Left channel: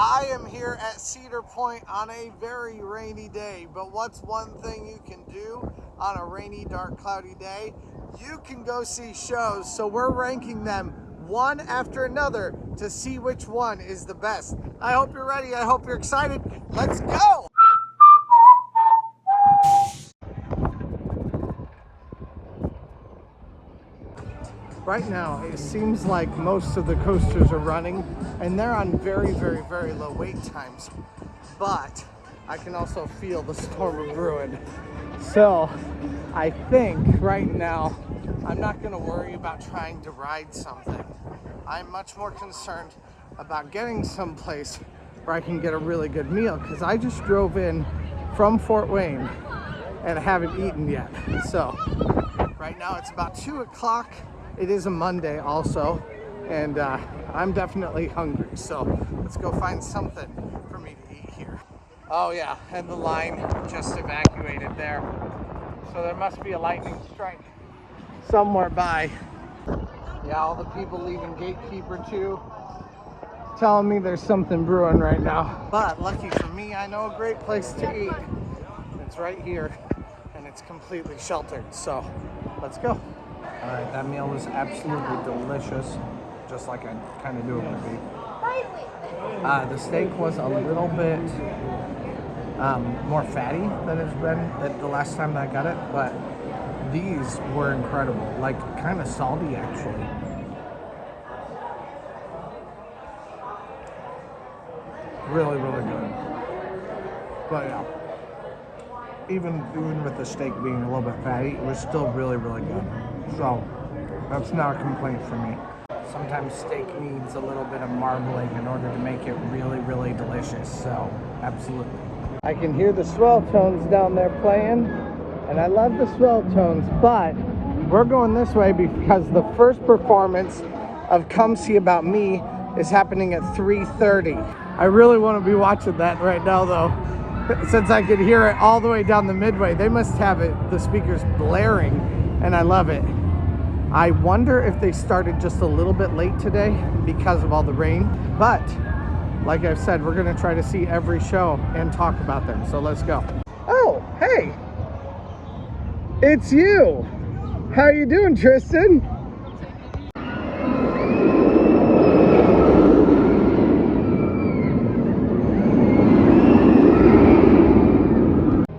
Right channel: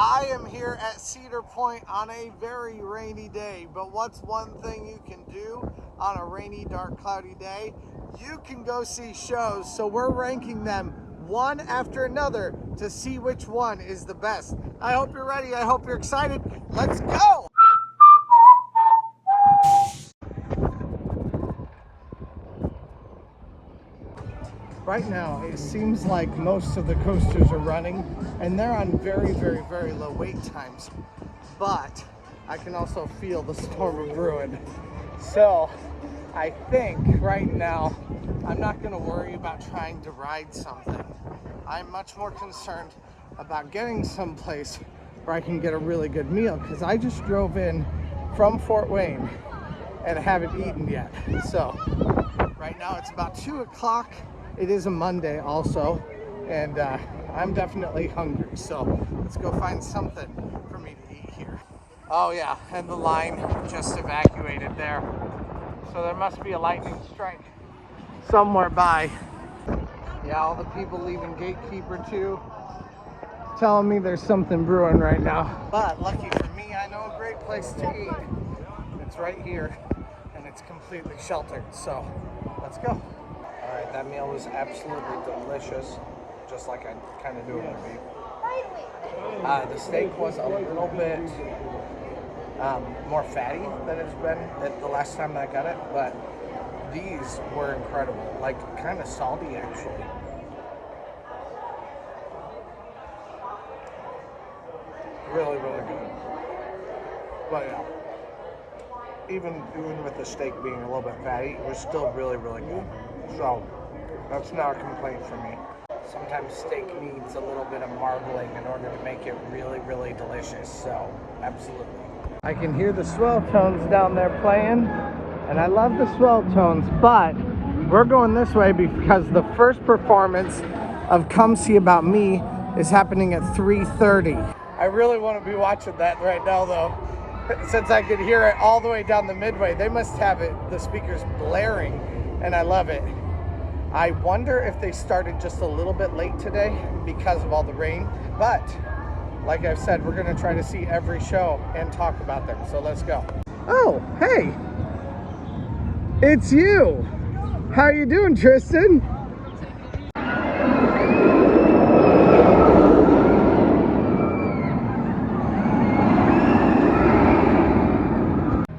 I am here at Cedar Point on a very rainy day, but what's one thing you can do on a rainy, dark, cloudy day? You can go see shows, so we're ranking them one after another to see which one is the best. I hope you're ready. I hope you're excited. Let's go! Right now, it seems like most of the coasters are running, and they're on very, very, very low wait times. But I can also feel the storm of brewing. So I think right now, I'm not going to worry about trying to ride something. I'm much more concerned about getting someplace where I can get a really good meal, because I just drove in from Fort Wayne and haven't eaten yet. So right now it's about 2 o'clock. It is a Monday also, and I'm definitely hungry, so let's go find something for me to eat here. Oh yeah, and the line just evacuated there. So there must be a lightning strike somewhere by. Yeah, all the people leaving Gatekeeper too, telling me there's something brewing right now. But lucky for me, I know a great place to eat. It's right here, and it's completely sheltered, so let's go. All right, that meal was absolutely delicious, just like I kind of knew it would be. The steak was a little bit more fatty than it's been the last time I got it, but these were incredible, like kind of salty actually. Really, really good. But yeah, even with the steak being a little bit fatty, it was still really, really good. So that's not a complaint for me. Sometimes steak needs a little bit of marbling in order to make it really, really delicious. So absolutely. I can hear the Swell Tones down there playing, and I love the Swell Tones, but we're going this way because the first performance of Come See About Me is happening at 3:30. I really want to be watching that right now though, since I could hear it all the way down the midway. They must have the speakers blaring, and I love it. I wonder if they started just a little bit late today because of all the rain, but like I've said, we're gonna try to see every show and talk about them, so let's go. Oh, hey, it's you. How you doing, Tristan?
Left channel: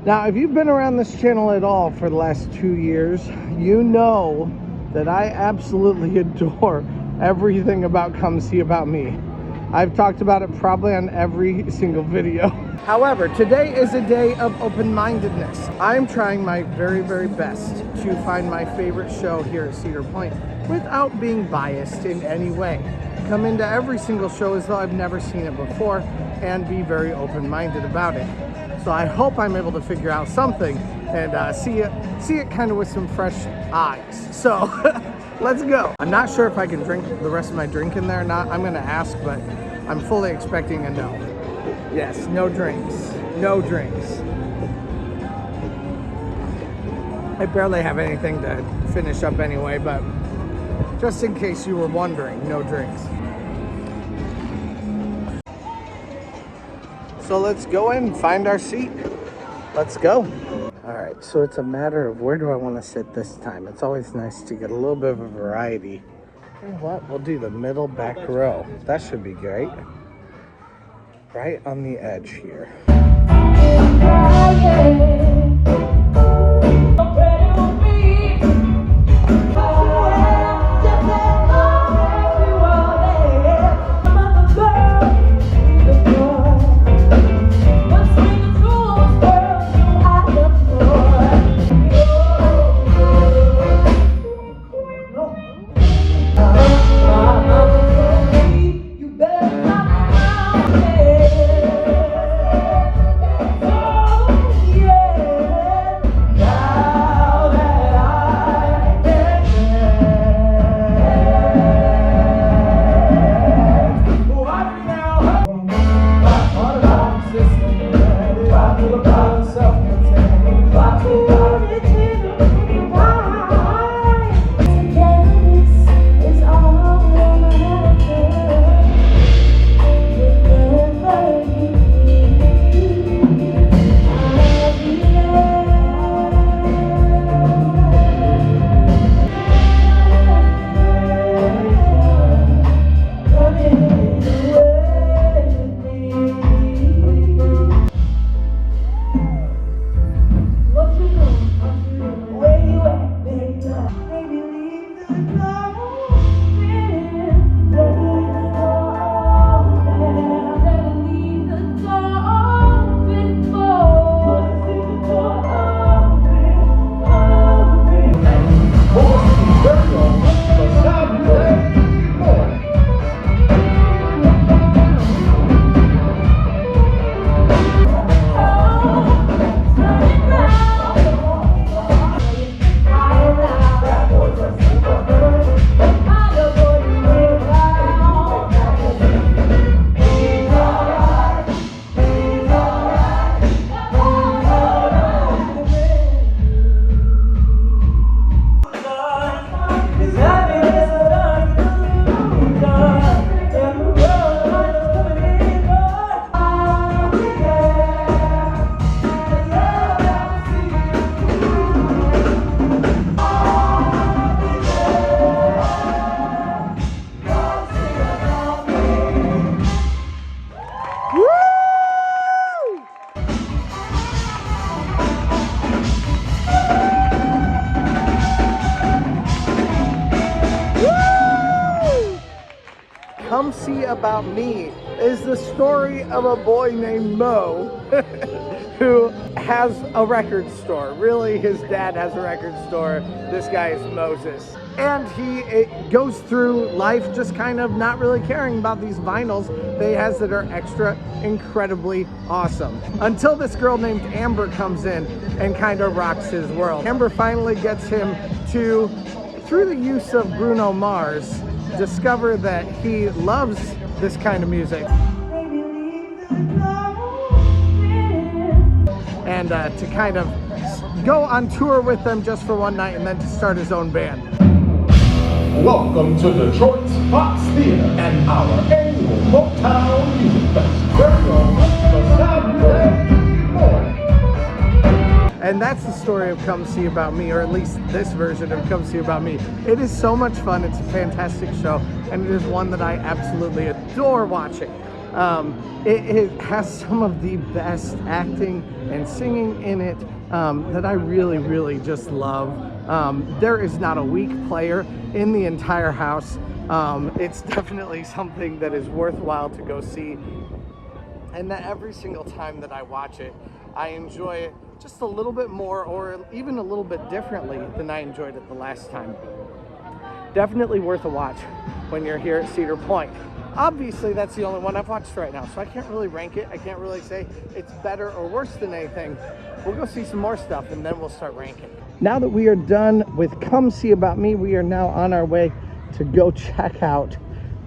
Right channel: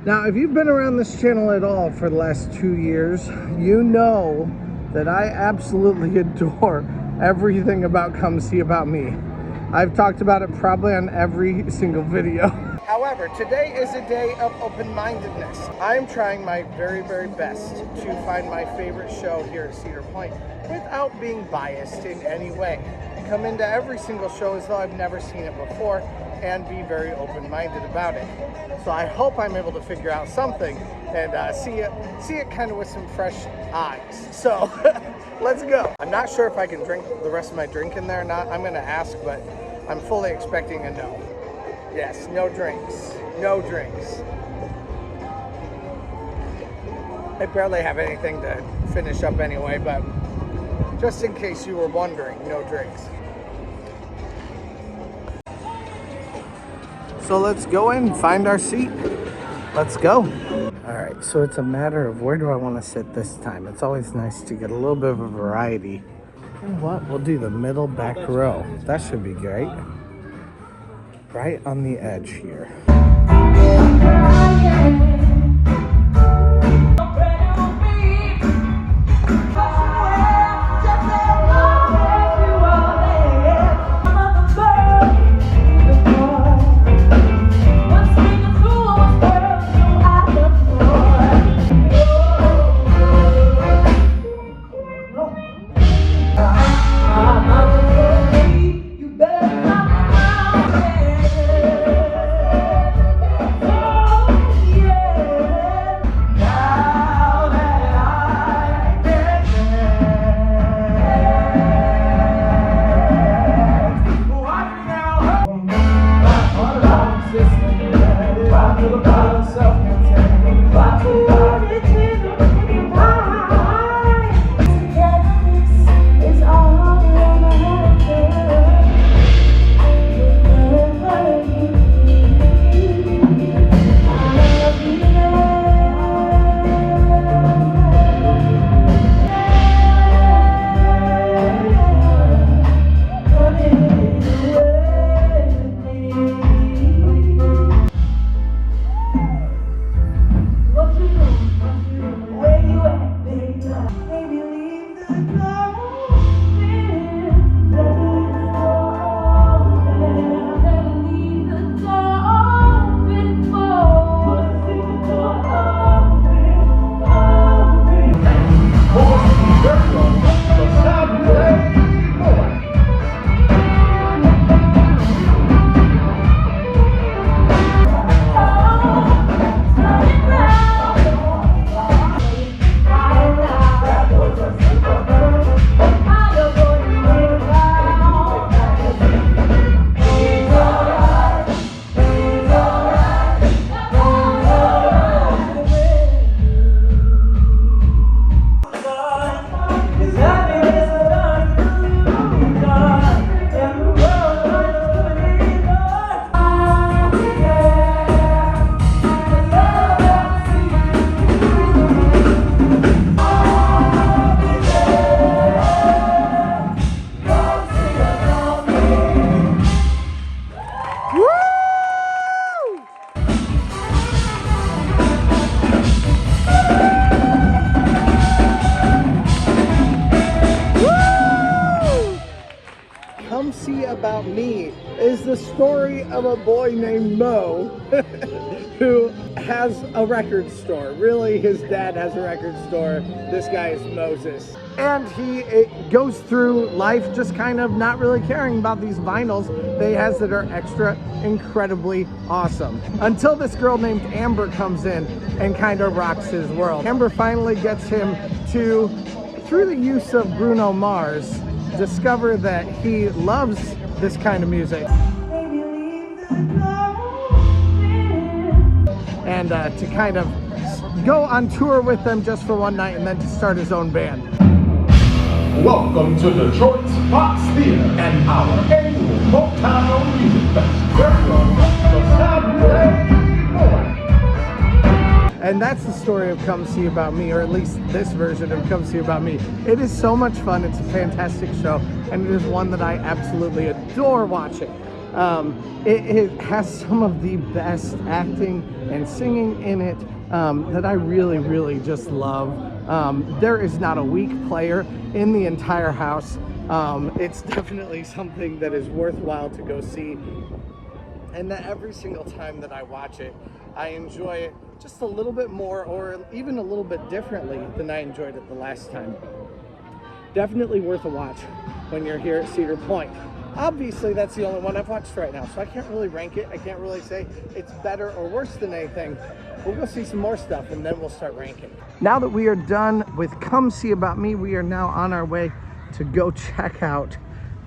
Now, if you've been around this channel at all for the last 2 years, you know that I absolutely adore everything about Come See About Me. I've talked about it probably on every single video. However, today is a day of open-mindedness. I'm trying my very, very best to find my favorite show here at Cedar Point without being biased in any way. Come into every single show as though I've never seen it before and be very open-minded about it. So I hope I'm able to figure out something and see it kind of with some fresh eyes. So let's go. I'm not sure if I can drink the rest of my drink in there or not. I'm gonna ask, but I'm fully expecting a no. Yes, no drinks, no drinks. I barely have anything to finish up anyway, but just in case you were wondering, no drinks. So let's go in, find our seat. Let's go. All right, so it's a matter of where do I want to sit this time. It's always nice to get a little bit of a variety. You know what? We'll do the middle back row. That should be great. Right on the edge here. See About Me is the story of a boy named Mo who has a record store. Really, his dad has a record store. This guy is Moses. And he goes through life just kind of not really caring about these vinyls that he has that are extra incredibly awesome. Until this girl named Amber comes in and kind of rocks his world. Amber finally gets him to, through the use of Bruno Mars, discover that he loves this kind of music. And to kind of go on tour with them just for one night and then to start his own band. Welcome to Detroit's Fox Theater and our annual Motown Music Fest. Very on the Saturday morning. And that's the story of Come See About Me, or at least this version of Come See About Me. It is so much fun. It's a fantastic show, and it is one that I absolutely adore watching. It has some of the best acting and singing in it that I really, really just love. There is not a weak player in the entire house. It's definitely something that is worthwhile to go see. And that every single time that I watch it, I enjoy it just a little bit more, or even a little bit differently than I enjoyed it the last time. Definitely worth a watch when you're here at Cedar Point. Obviously, that's the only one I've watched right now, so I can't really rank it. I can't really say it's better or worse than anything. We'll go see some more stuff, and then we'll start ranking. Now that we are done with Come See About Me, we are now on our way to go check out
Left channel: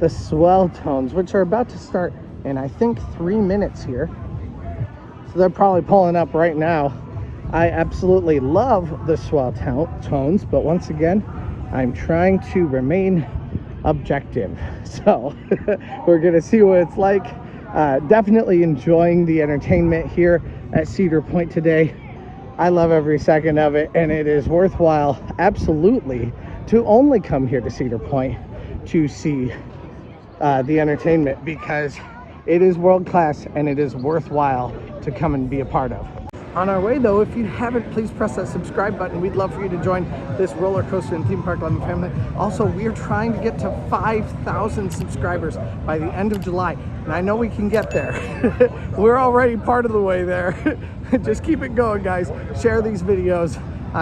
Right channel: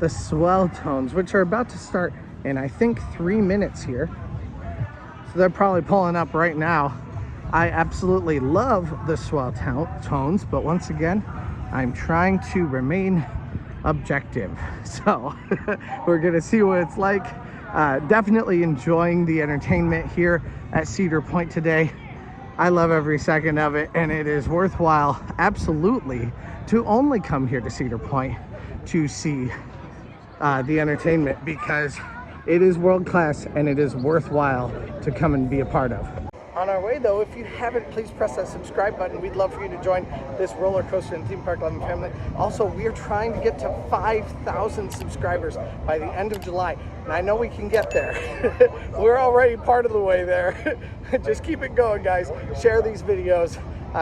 the Swell Tones, which are about to start in, I think, 3 minutes here. So they're probably pulling up right now. I absolutely love the Swell Tones, but once again, I'm trying to remain objective. So we're gonna see what it's like. Definitely enjoying the entertainment here at Cedar Point today. I love every second of it, and it is worthwhile, absolutely, to only come here to Cedar Point to see the entertainment, because it is world class and it is worthwhile to come and be a part of. On our way though, if you haven't, please press that subscribe button. We'd love for you to join this roller coaster and theme park loving family. Also, we are trying to get to 5,000 subscribers by the end of July. And I know we can get there. We're already part of the way there. Just keep it going, guys. Share these videos,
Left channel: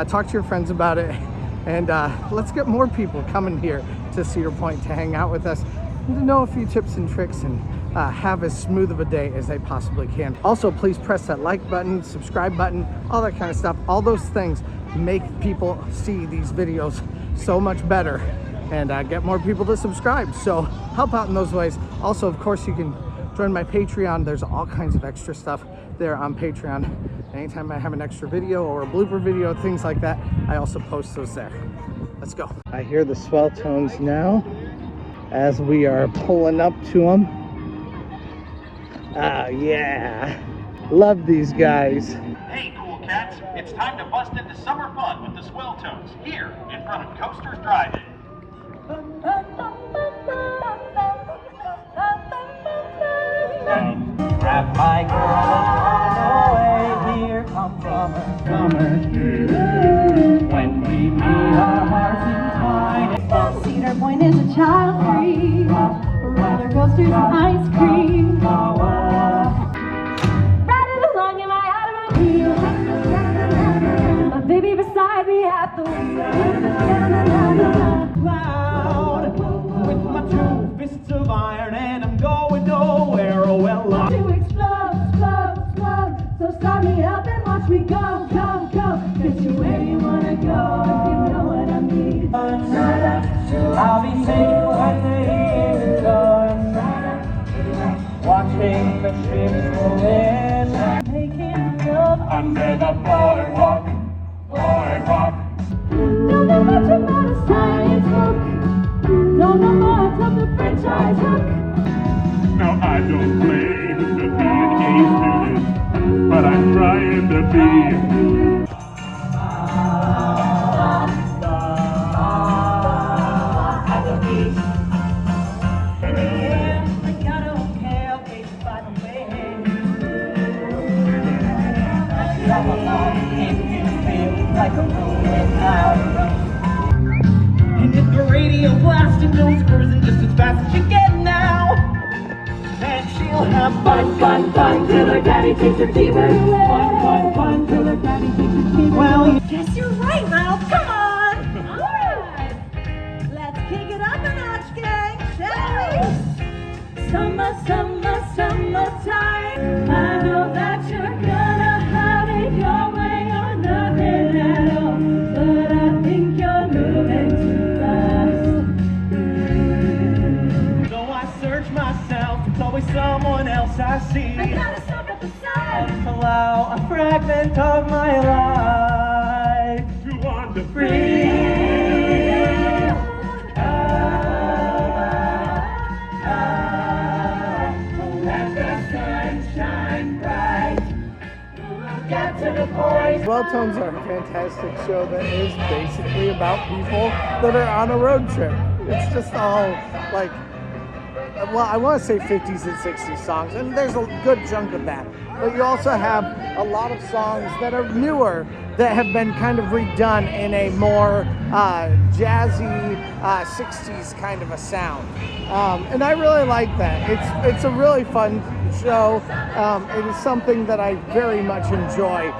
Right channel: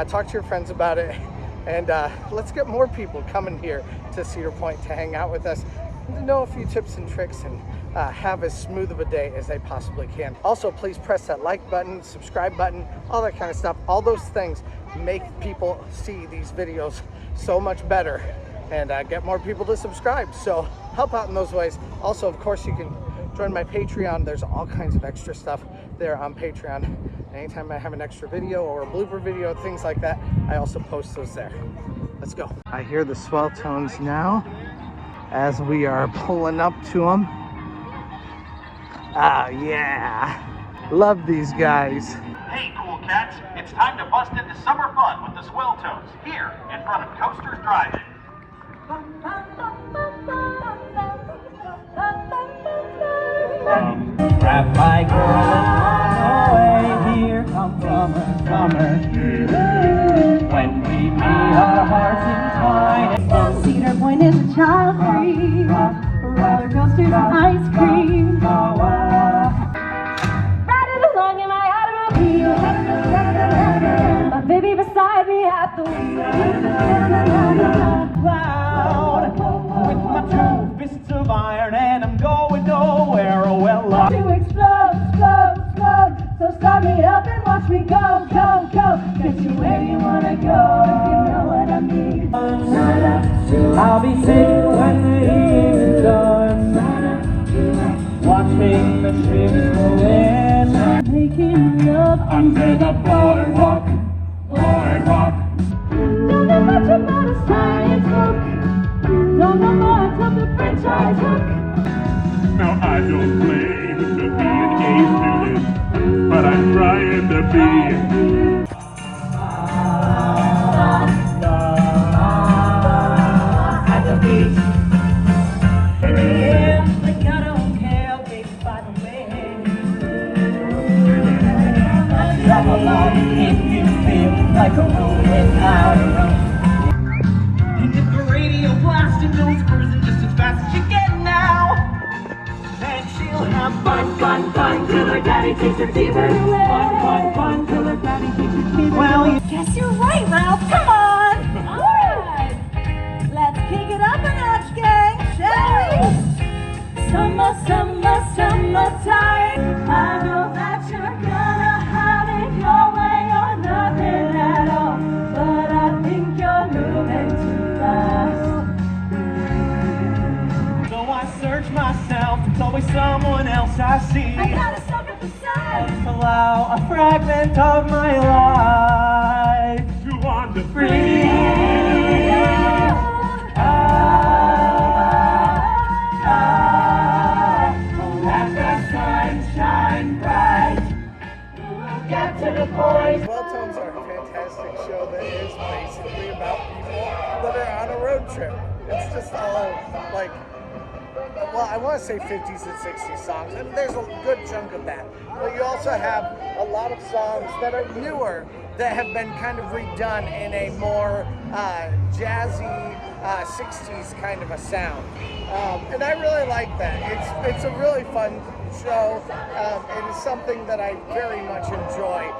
talk to your friends about it. And let's get more people coming here to Cedar Point to hang out with us, and to know a few tips and tricks, and have as smooth of a day as they possibly can. Also, please press that like button, subscribe button, all that kind of stuff. All those things make people see these videos so much better, and get more people to subscribe. So help out in those ways. Also, of course, you can join my Patreon. There's all kinds of extra stuff there on Patreon. Anytime I have an extra video or a blooper video, things like that, I also post those there. Let's go. I hear the Swell Tones now as we are pulling up to them. Ah, yeah. Love these guys. Hey, cool cats. It's time to bust into summer fun with the Swell Tones here in front of Coasters Drive-In. Grab my girl and run away. Here comes summer. When we meet our hearts in time. Cedar Point is a child-free roller coasters and ice cream. Riding along in my automobile, my baby beside me at the wheel. Loud with my 2 fists of iron, and I'm going nowhere. Oh well, To explode, explode, explode. So start me up and watch me go, go, go. Get you where you wanna go, if you know what I mean. I'll be sick when the year's done, watching the ships roll in, Making love under the boardwalk, boardwalk. Don't know much about a science book. Don't know much of the French I took. Now I don't claim to be an A student, but I'm trying to be. If you feel like a room without a roof, fun till our daddy teacher keeper. Fun till our daddy teacher keeper. Guess you're right, Ralph. Come on. Alright. Let's kick it up a notch, gang, shall we? Summertime. I know that you're gonna have it your way or nothing at all. But I think you're moving too fast. So I search myself, it's always someone else I see. I gotta stop at the sun. Allow a fragment of my life to wander free. Swell Tones are a fantastic show that is basically about people that are on a road trip. It's just all like, well, I want to say 50s and 60s songs, and there's a good chunk of that. But you also have a lot of songs that are newer that have been kind of redone in a more jazzy 60s kind of a sound. And I really like that. It's a really fun show. It is something that I very much enjoy.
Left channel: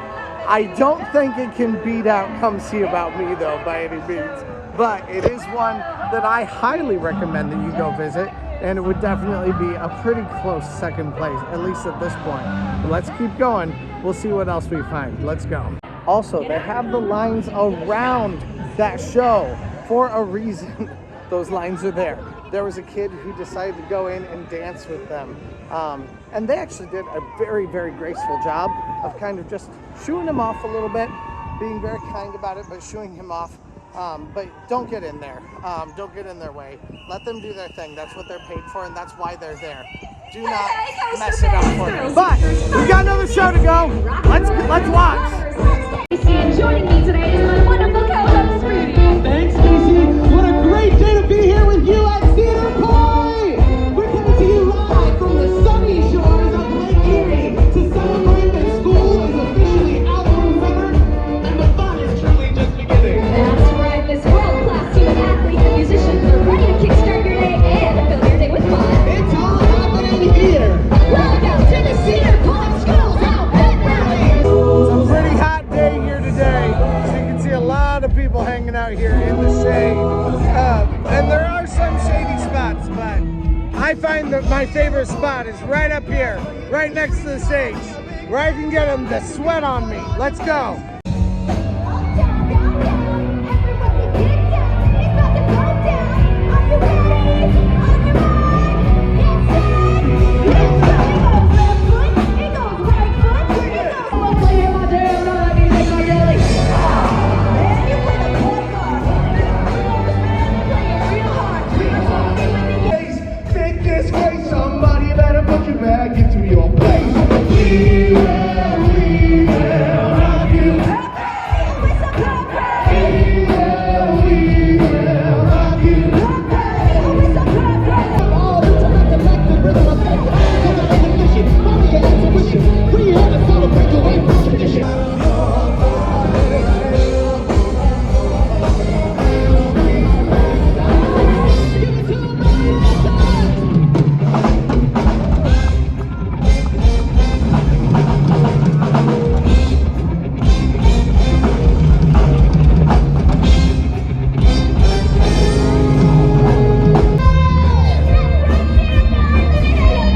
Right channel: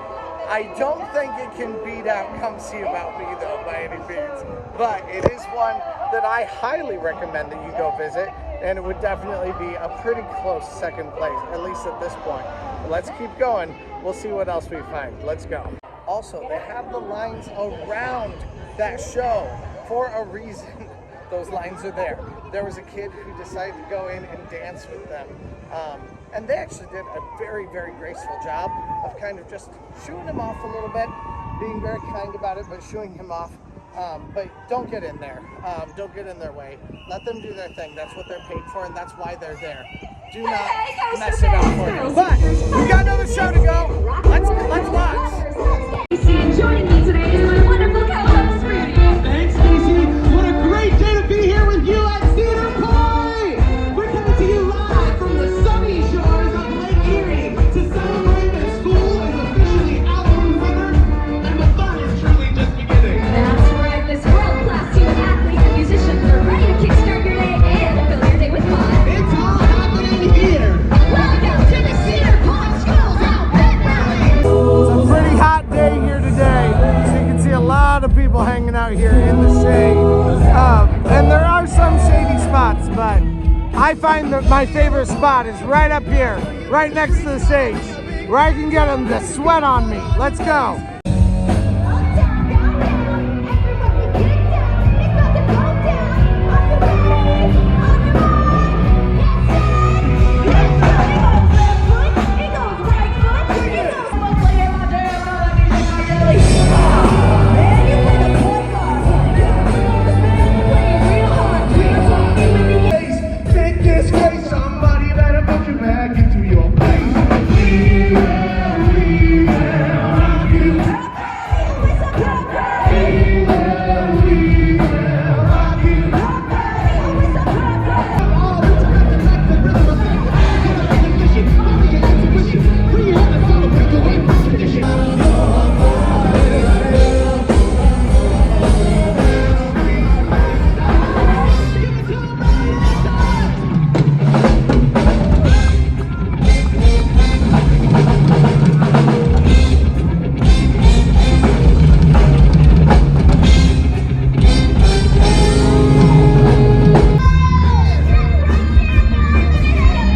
I don't think it can beat out Come See About Me though by any means, but it is one that I highly recommend that you go visit, and it would definitely be a pretty close second place, at least at this point. But let's keep going. We'll see what else we find. Let's go. Also, they have the lines around that show for a reason. Those lines are there. There was a kid who decided to go in and dance with them. And they actually did a very, very graceful job of kind of just shooing him off a little bit, being very kind about it, but shooing him off. But don't get in there. Don't get in their way. Let them do their thing. That's what they're paid for, and that's why they're there. Do not mess it up for you. But we got another show to go. Let's watch. Thanks, Stacy. What a great day to be here with you at Cedar Point. We're coming to you live from the sunny shores of Lake Erie to celebrate that school is officially out from summer, and the fun is truly just beginning. That's right, this world-class team of athletes, musicians are ready to kickstart your day and fill your day with fun. It's all happening here. Welcome to the Cedar Point Schools Out Pep Rally. It's a pretty hot day here today. So you can see a lot of people hanging out here in the shade. And there are some shady spots, but I find that my favorite spot is right up here, right next to the stage, where I can get them to sweat on me. Let's go. Make this way, somebody better put you back into your place. We will rock you. We will rock you. All the time, the fact that rhythm was back to back. There's a recognition, only an intuition. When you have a song of breakaway from tradition.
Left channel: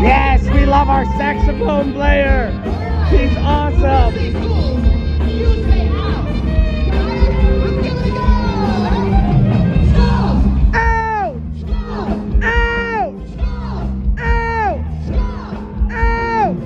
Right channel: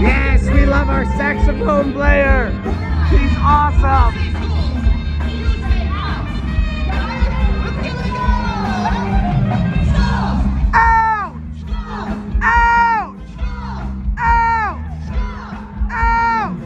Yes, we love our saxophone player. He's awesome. Ouch! Ouch! Ouch! Ouch!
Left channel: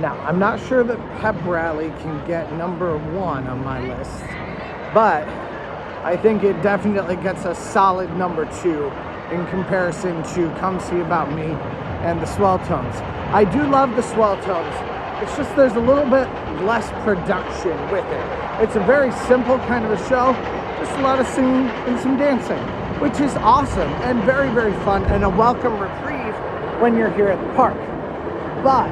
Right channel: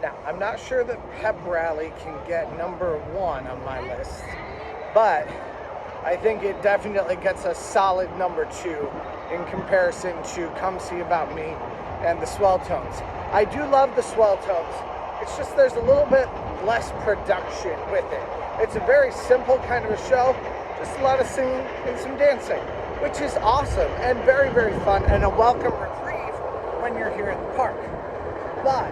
Now, I'm not sure that Pep Rally can get #1 on my list, but I think it definitely gets a solid #2 in comparison to Come See About Me and the Swell Tones. I do love the Swell Tones. It's just there's a little bit less production with it. It's a very simple kind of a show, just a lot of singing and some dancing, which is awesome and very, very fun and a welcome reprieve when you're here at the park. But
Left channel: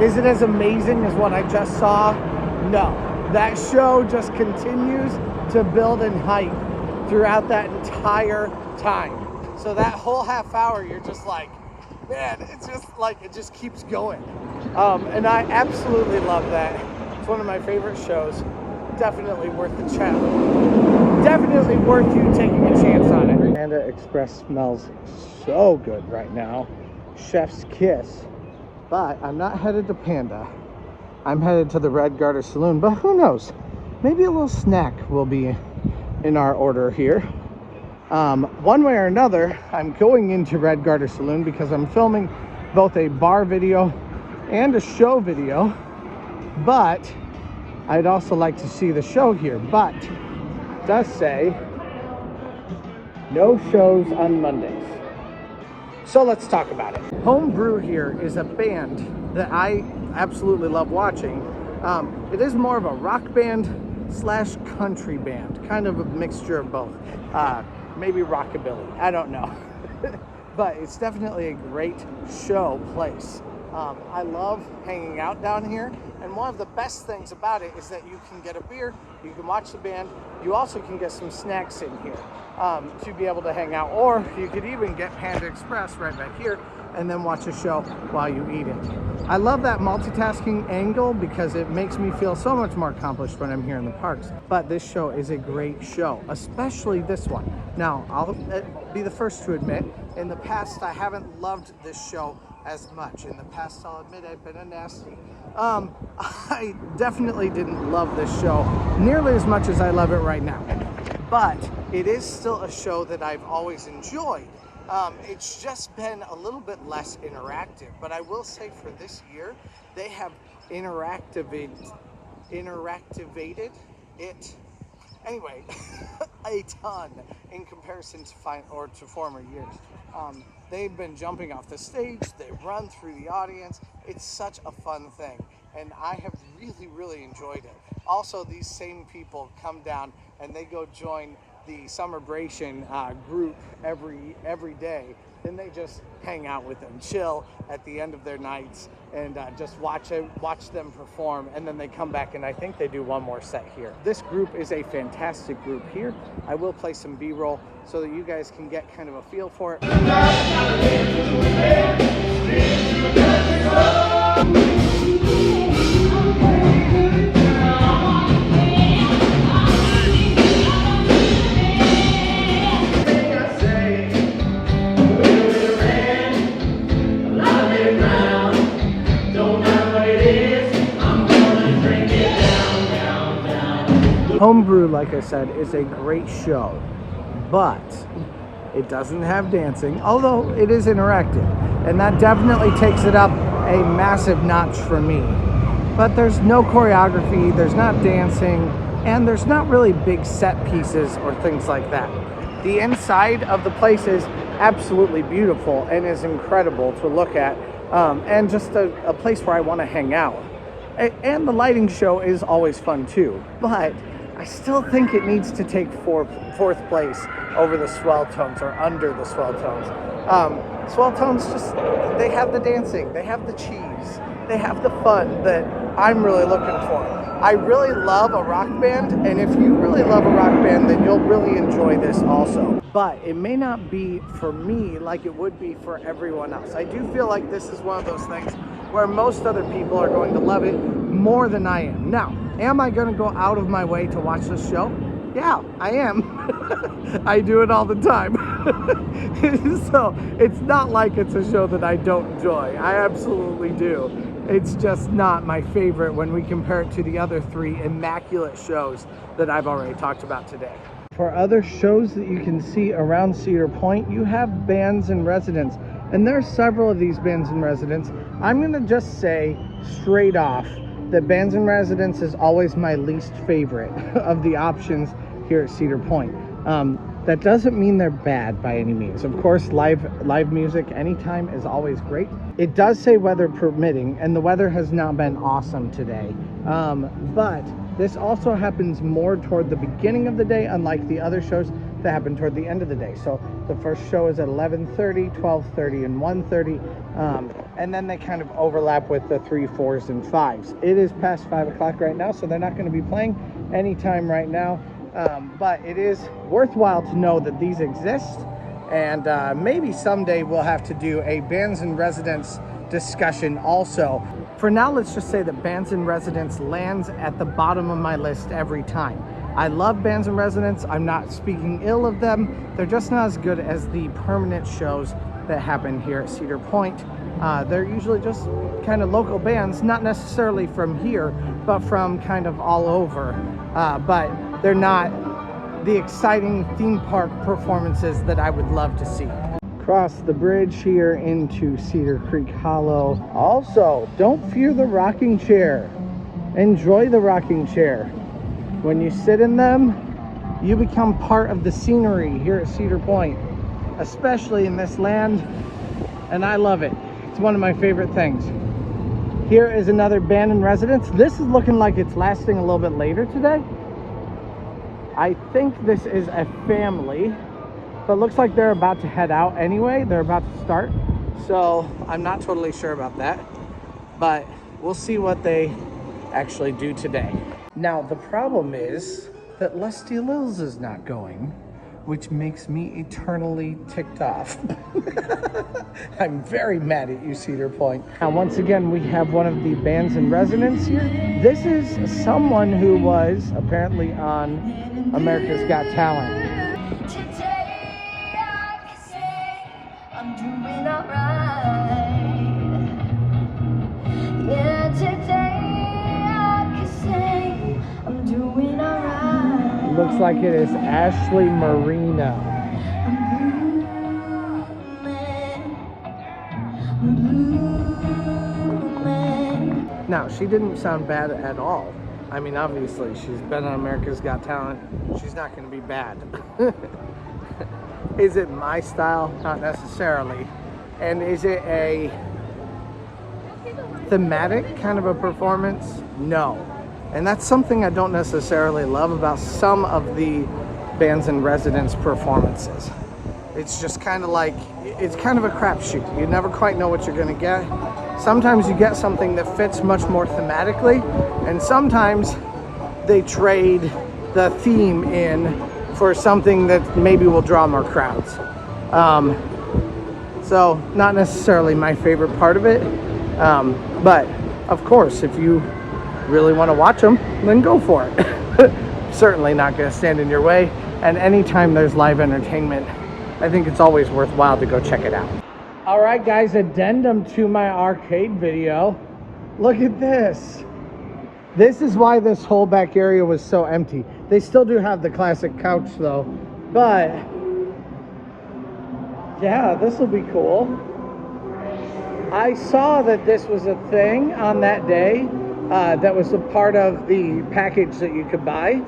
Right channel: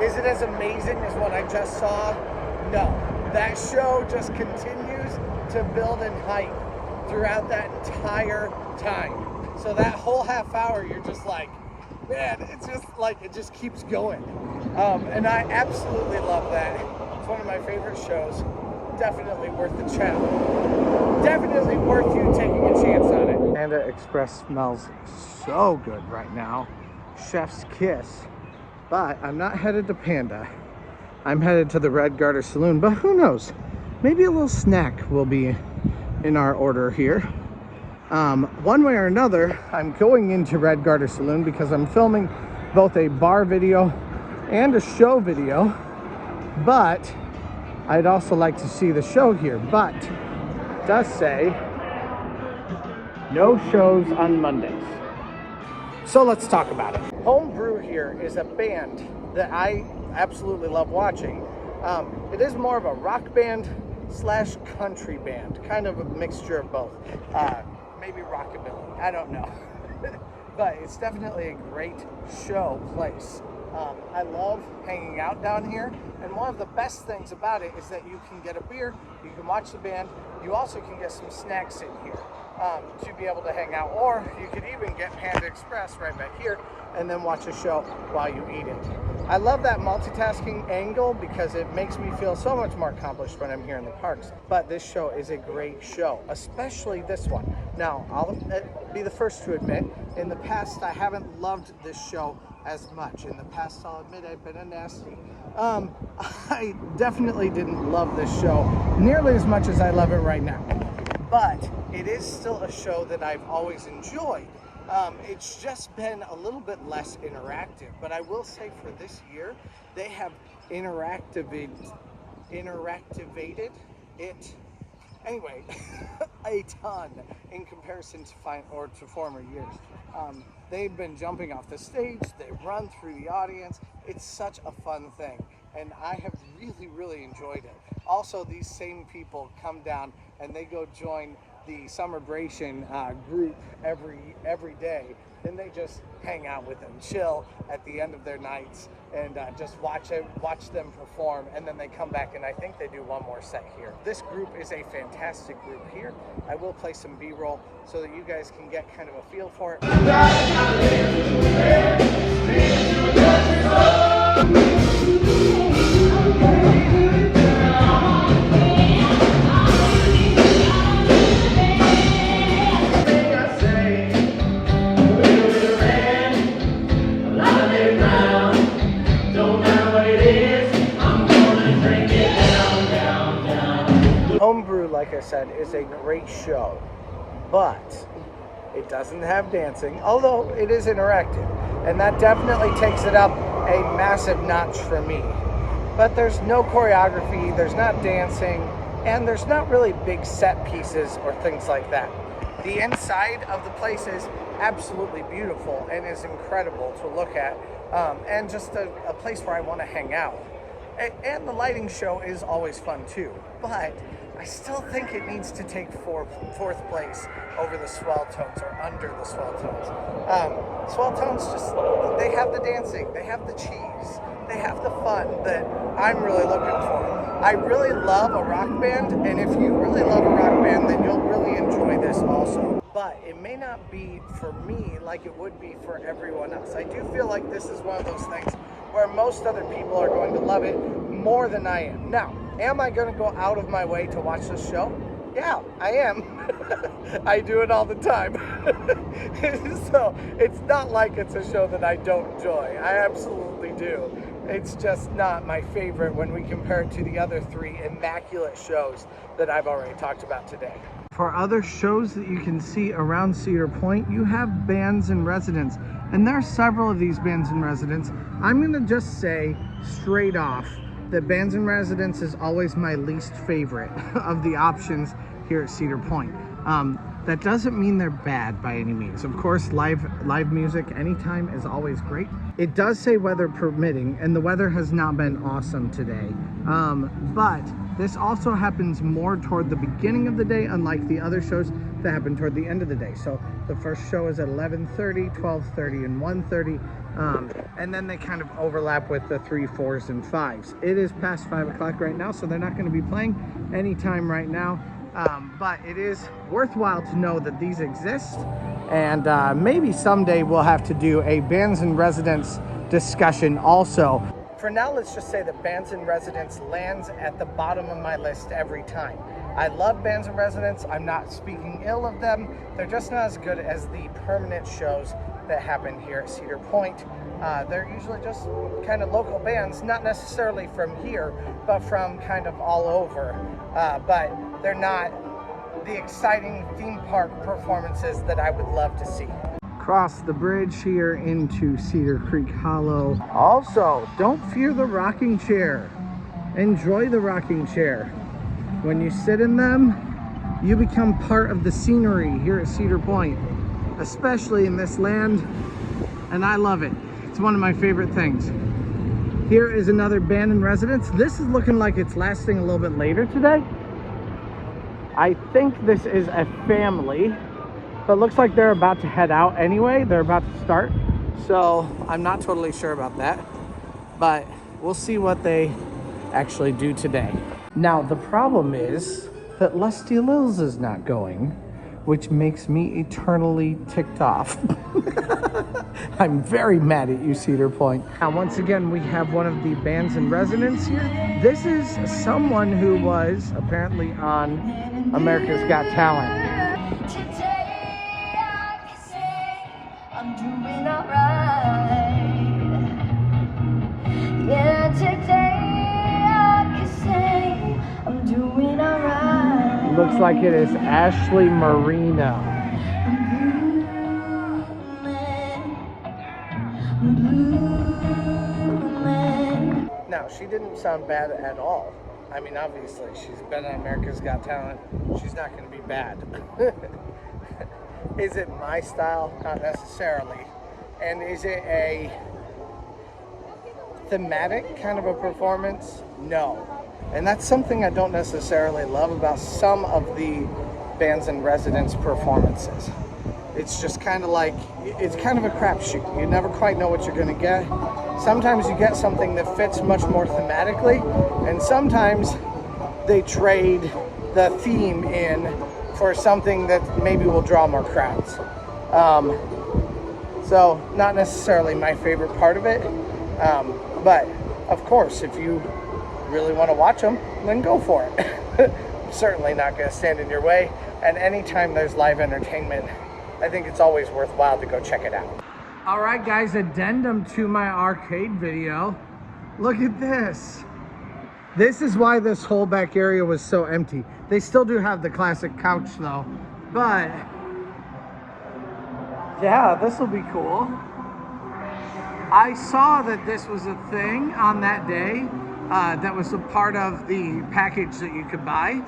is it as amazing as what I just saw? No. That show just continues to build in height throughout that entire time. So that whole half hour, you're just like, man, it's just like, it just keeps going. And I absolutely love that. It's one of my favorite shows. Definitely worth the challenge. Definitely worth you taking a chance on it. Panda Express smells so good right now. Chef's kiss. But I'm not headed to Panda. I'm headed to the Red Garter Saloon, but who knows? Maybe a little snack will be in our order here. One way or another, I'm going into Red Garter Saloon because I'm filming both a bar video and a show video, but I'd also like to see the show here. But it does say no shows on Mondays. So let's talk about it. Home Brew here is a band that I absolutely love watching. It is more of a rock band / country band, kind of a mixture of both. Maybe rockabilly, I don't know. But it's definitely a great show place. I love hanging out down here, and one of the best things about it is that you can get a beer, you can watch the band, you also can get some snacks in here to be able to hang out, or you could even get Panda Express right back here and then watch a show while you eat it. I love that multitasking angle because it makes me feel so much more accomplished when I'm here in the parks. But this show is a great show, especially this one. Now, I'll be the first to admit, in the past I haven't loved this show as much. In the past, I'll admit I've been a nasty. I definitely didn't love this show nearly as much as I love it right now. But it is still a show that I've always enjoyed. It's just been a little bit less interactive, but I will say for this year, they have interactivated it, anyway, a ton in comparison to former years. They've been jumping off the stage, they run through the audience. It's such a fun thing, and I have really, really enjoyed it. Also, these same people come down and they go join the Summerbration group every day. Then they just hang out with them, chill at the end of their nights, and just watch them perform, and then they come back and I think they do one more set here. This group is a fantastic group here. I will play some B-roll so that you guys can get kind of a feel for it. Homebrew, like I said, is a great show, but it doesn't have dancing, although it is interactive, and that definitely takes it up a massive notch for me. But there's no choreography, there's not dancing, and there's not really big set pieces or things like that. The inside of the place is absolutely beautiful and is incredible to look at, and just a place where I want to hang out. And the lighting show is always fun too, but I still think it needs to take fourth place over the Swell Tones, or under the Swell Tones. Swell Tones just, they have the dancing, they have the cheese, they have the fun that I'm really looking for. I really love a rock band, and if you really love a rock band, then you'll really enjoy this also. But it may not be for me like it would be for everyone else. I do feel like this is one of those things where most other people are going to love it more than I am. Now, am I going to go out of my way to watch this show? Yeah, I am. I do it all the time. So it's not like it's a show that I don't enjoy. I absolutely do. It's just not my favorite when we compare it to the other three immaculate shows that I've already talked about today. For other shows that you can see around Cedar Point, you have bands in residence. And there are several of these bands in residence I'm gonna just say straight off that Bands in Residence is always my least favorite of the options here at Cedar Point. That doesn't mean they're bad by any means. Of course, live music anytime is always great. It does say weather permitting, and the weather has not been awesome today. But this also happens more toward the beginning of the day, unlike the other shows that happen toward the end of the day. So the first show is at 11:30, 12:30, and 1:30, and then they kind of overlap with the 3, 4s, and 5s. It is past 5 o'clock right now, so they're not going to be playing anytime right now. But it is worthwhile to know that these exist, and maybe someday we'll have to do a Bands in Residence discussion also. For now, let's just say that Bands in Residence lands at the bottom of my list every time. I love Bands in Residence. I'm not speaking ill of them. They're just not as good as the permanent shows that happen here at Cedar Point. They're usually just kind of local bands, not necessarily from here, but from kind of all over. But they're not the exciting theme park performances that I would love to see. Cross the bridge here into Cedar Creek Hollow. Also, don't fear the rocking chair. Enjoy the rocking chair. When you sit in them, you become part of the scenery here at Cedar Point, especially in this land, and I love it. It's one of my favorite things. Here is another Band in Residence. This is looking like it's lasting a little bit later today. I think this is a family, but it looks like they're about to head out anyway. They're about to start, so I'm not totally sure about that, but we'll see what they actually do today. Now, the problem is that Lusty Lils is not going, which makes me eternally ticked off. I'm very mad at you, Cedar Point. Now, once again, we have one of the Bands in Residence here. This is someone who was apparently on America's Got Talent. Today I can say I'm doing alright. Yeah, today I can say I'm doing alright. Looks like it is Ashley Marino. Now, she didn't sound bad at all. I mean, obviously, she's been on America's Got Talent. She's not going to be bad. Is it my style? Not necessarily. And is it a thematic kind of a performance? No. And that's something I don't necessarily love about some of the Bands in Residence performances. It's just kind of like, it's kind of a crapshoot. You never quite know what you're going to get. Sometimes you get something that fits much more thematically, and sometimes they trade the theme in for something that maybe will draw more crowds. So not necessarily my favorite part of it, but of course, if you really want to watch them, then go for it. Certainly not going to stand in your way, and anytime there's live entertainment, I think it's always worthwhile to go check it out. All right, guys, addendum to my arcade video. Look at this. This is why this whole back area was so empty. They still do have the classic couch though, but yeah, this will be cool. I saw that this was a thing on that day that was a part of the package that you could buy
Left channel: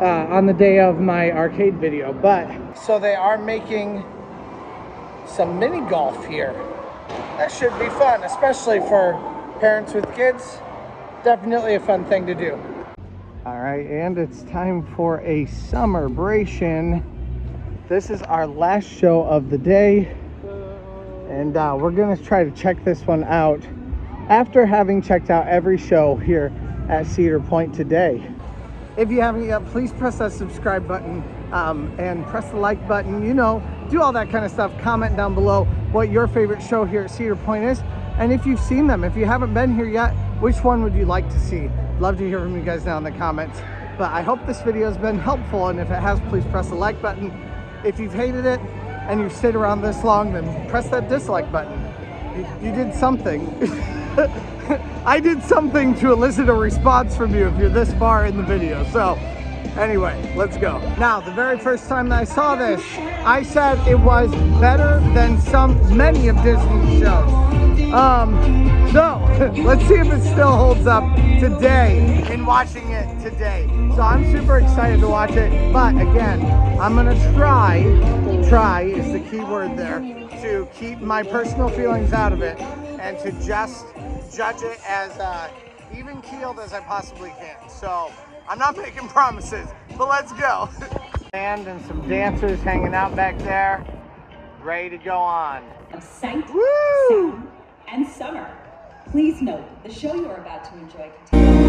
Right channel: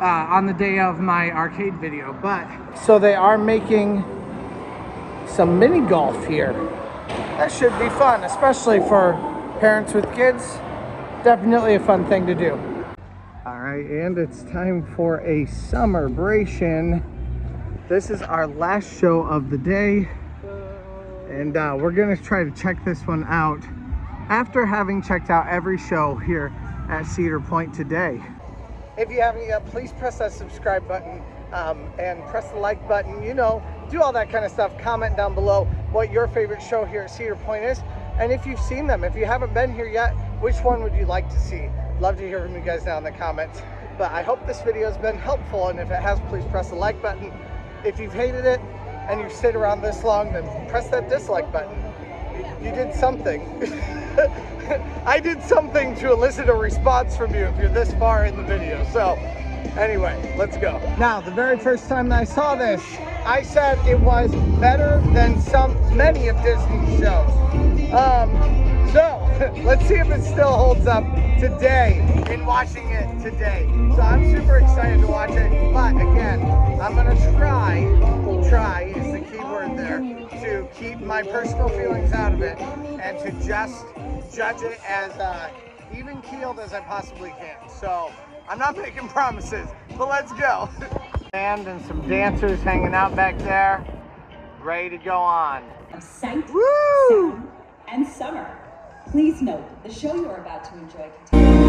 on the day of my arcade video. But so they are making some mini golf here. That should be fun, especially for parents with kids. Definitely a fun thing to do. All right, and it's time for a Summerbration. This is our last show of the day, and we're gonna try to check this one out after having checked out every show here at Cedar Point today. If you haven't yet, please press that subscribe button and press the like button, you know, do all that kind of stuff. Comment down below what your favorite show here at Cedar Point is, and if you've seen them. If you haven't been here yet, which one would you like to see? Love to hear from you guys down in the comments. But I hope this video has been helpful, and if it has, please press the like button. If you've hated it and you've stayed around this long, then press that dislike button. You did something. I did something to elicit a response from you if you're this far in the video. So anyway, let's go. Now, the very first time that I saw this, I said it was better than many of Disney's shows. So let's see if it still holds up today in watching it today. So I'm super excited to watch it, but again, I'm gonna try is the key word there, to keep my personal feelings out of it and to just judge it as even keeled as I possibly can. So I'm not making promises, but let's go. And some dancers hanging out back there, ready to go on. Sight, Woo! sound, and summer. Please note, the show you are about to enjoy contains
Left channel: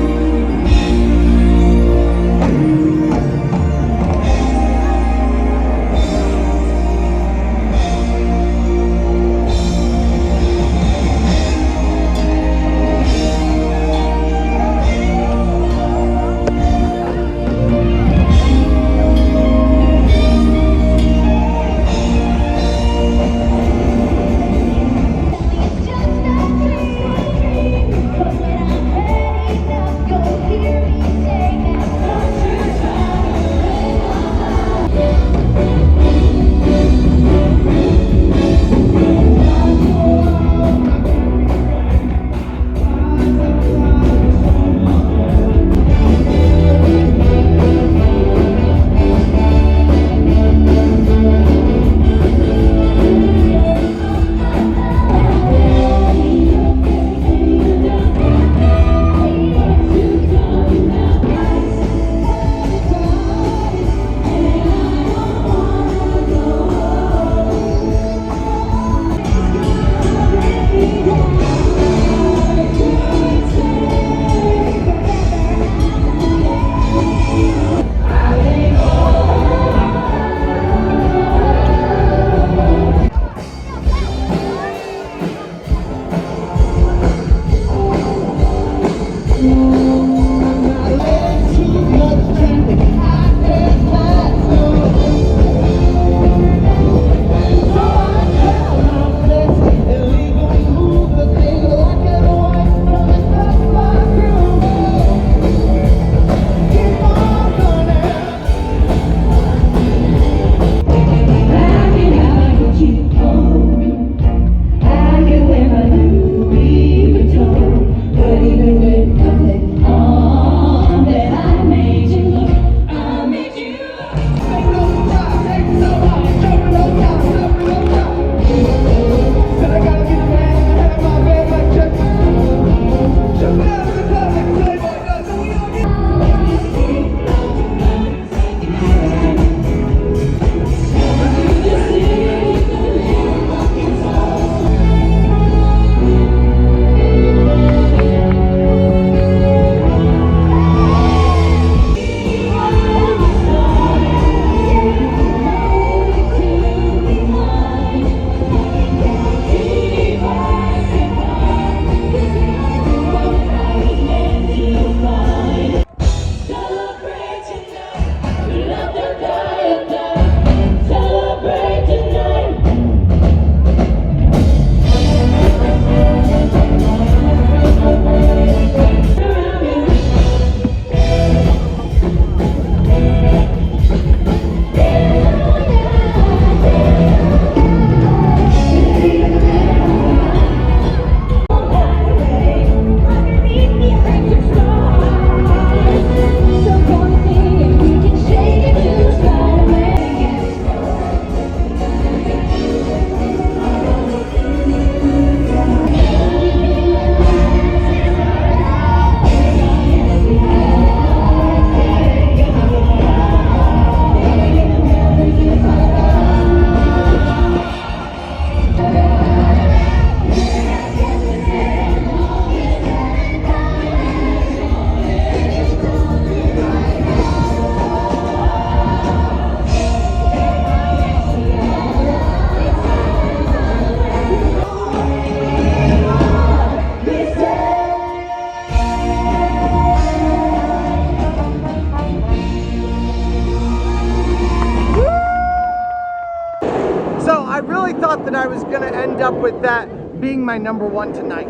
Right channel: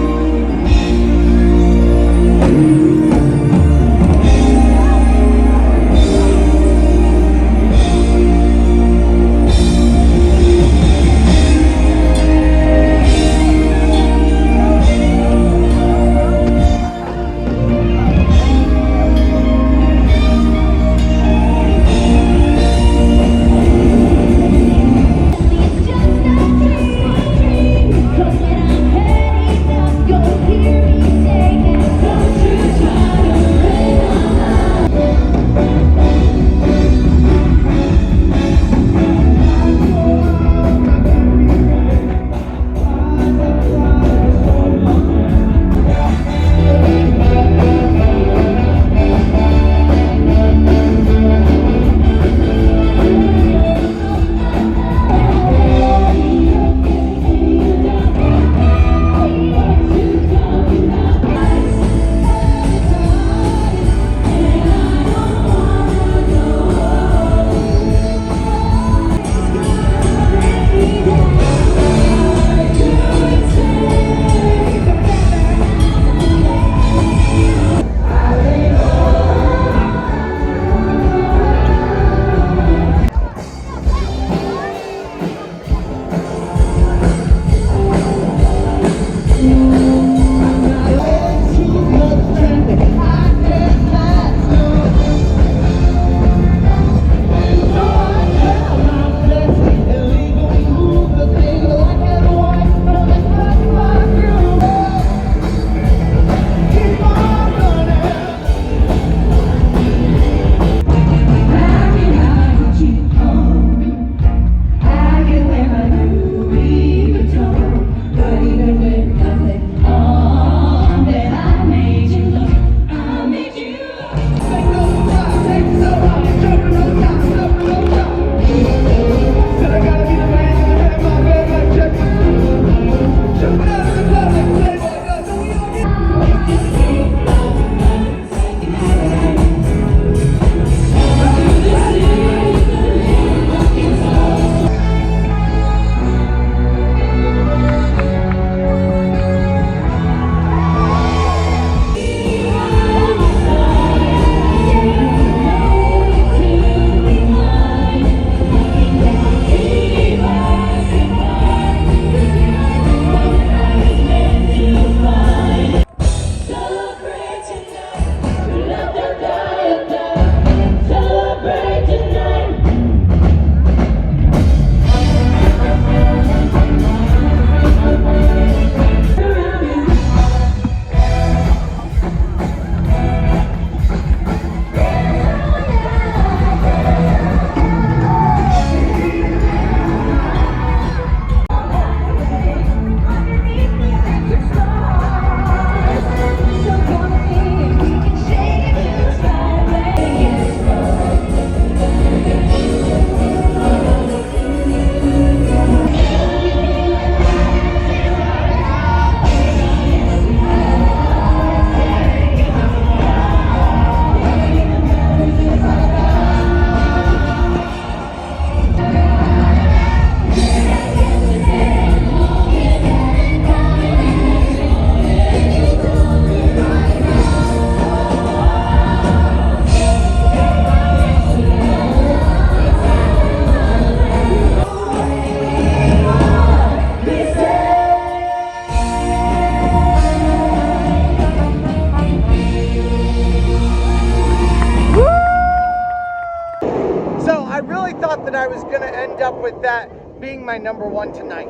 thought that I was going to end up with that being my number one tonight.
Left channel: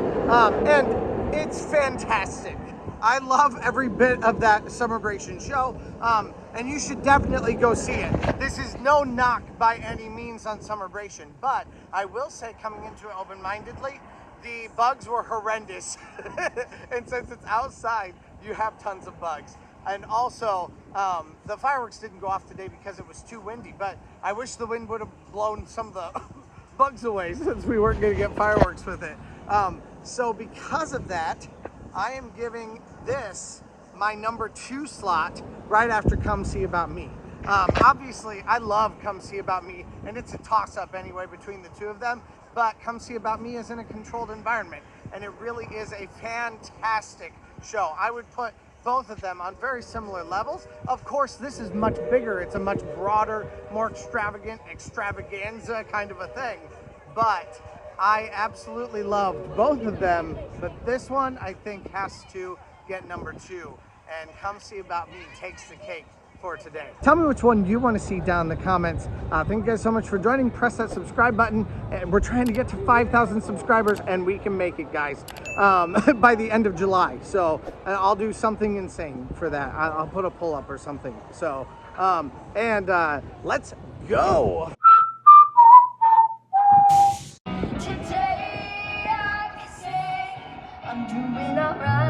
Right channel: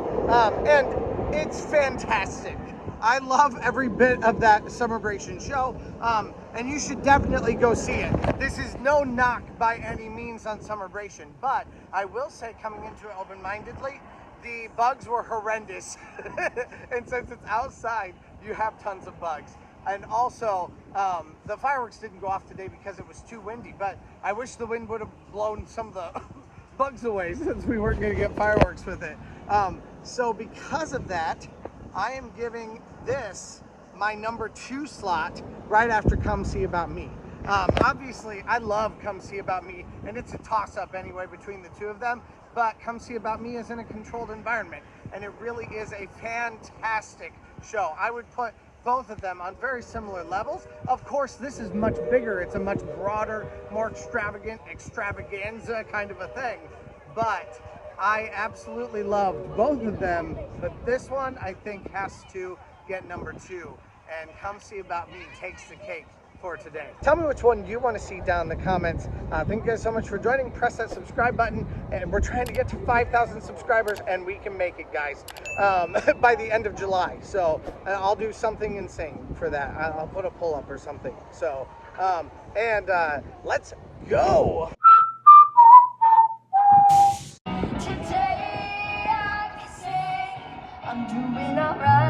And it's fantastic. I love every bit of that Summerbration show, and you should definitely go see it. This is no knock by any means on Summerbration, but I will say, coming into it open-mindedly, the bugs were horrendous. And since it's outside, you have tons of bugs. And also, the fireworks didn't go off today because it was too windy, but I wish the wind would have blown some of the bugs away since we weren't going to get fireworks with it. So because of that, I am giving this my number 2 slot right after Come See About Me. Obviously, I love Come See About Me, and it's a toss-up anyway between the two of them, but Come See About Me is in a controlled environment, and it really is a fantastic show. I would put both of them on very similar levels. Of course, this is much bigger. It's a much broader, more extravagant extravaganza kind of a thing, but I absolutely loved both of them, but this one I think has to get number 2, and Come See About Me takes the cake for today. Tell me which one you want to see down in the comments. Thank you guys so much for joining. Press that subscribe button. We're trying to get to 5,000 subscribers, and we can make it, guys, by the end of July. So I'll do something insane for that. I'll put a pull-up or something. So, let's go. Today I can say I'm doing alright.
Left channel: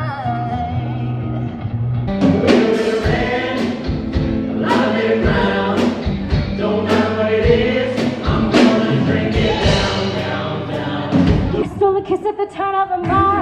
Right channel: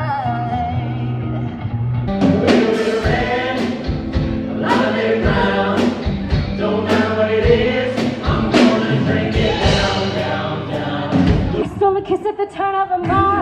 Don't matter what it is, I'm gonna drink it down, down, down. You stole a kiss at the turn of a mile.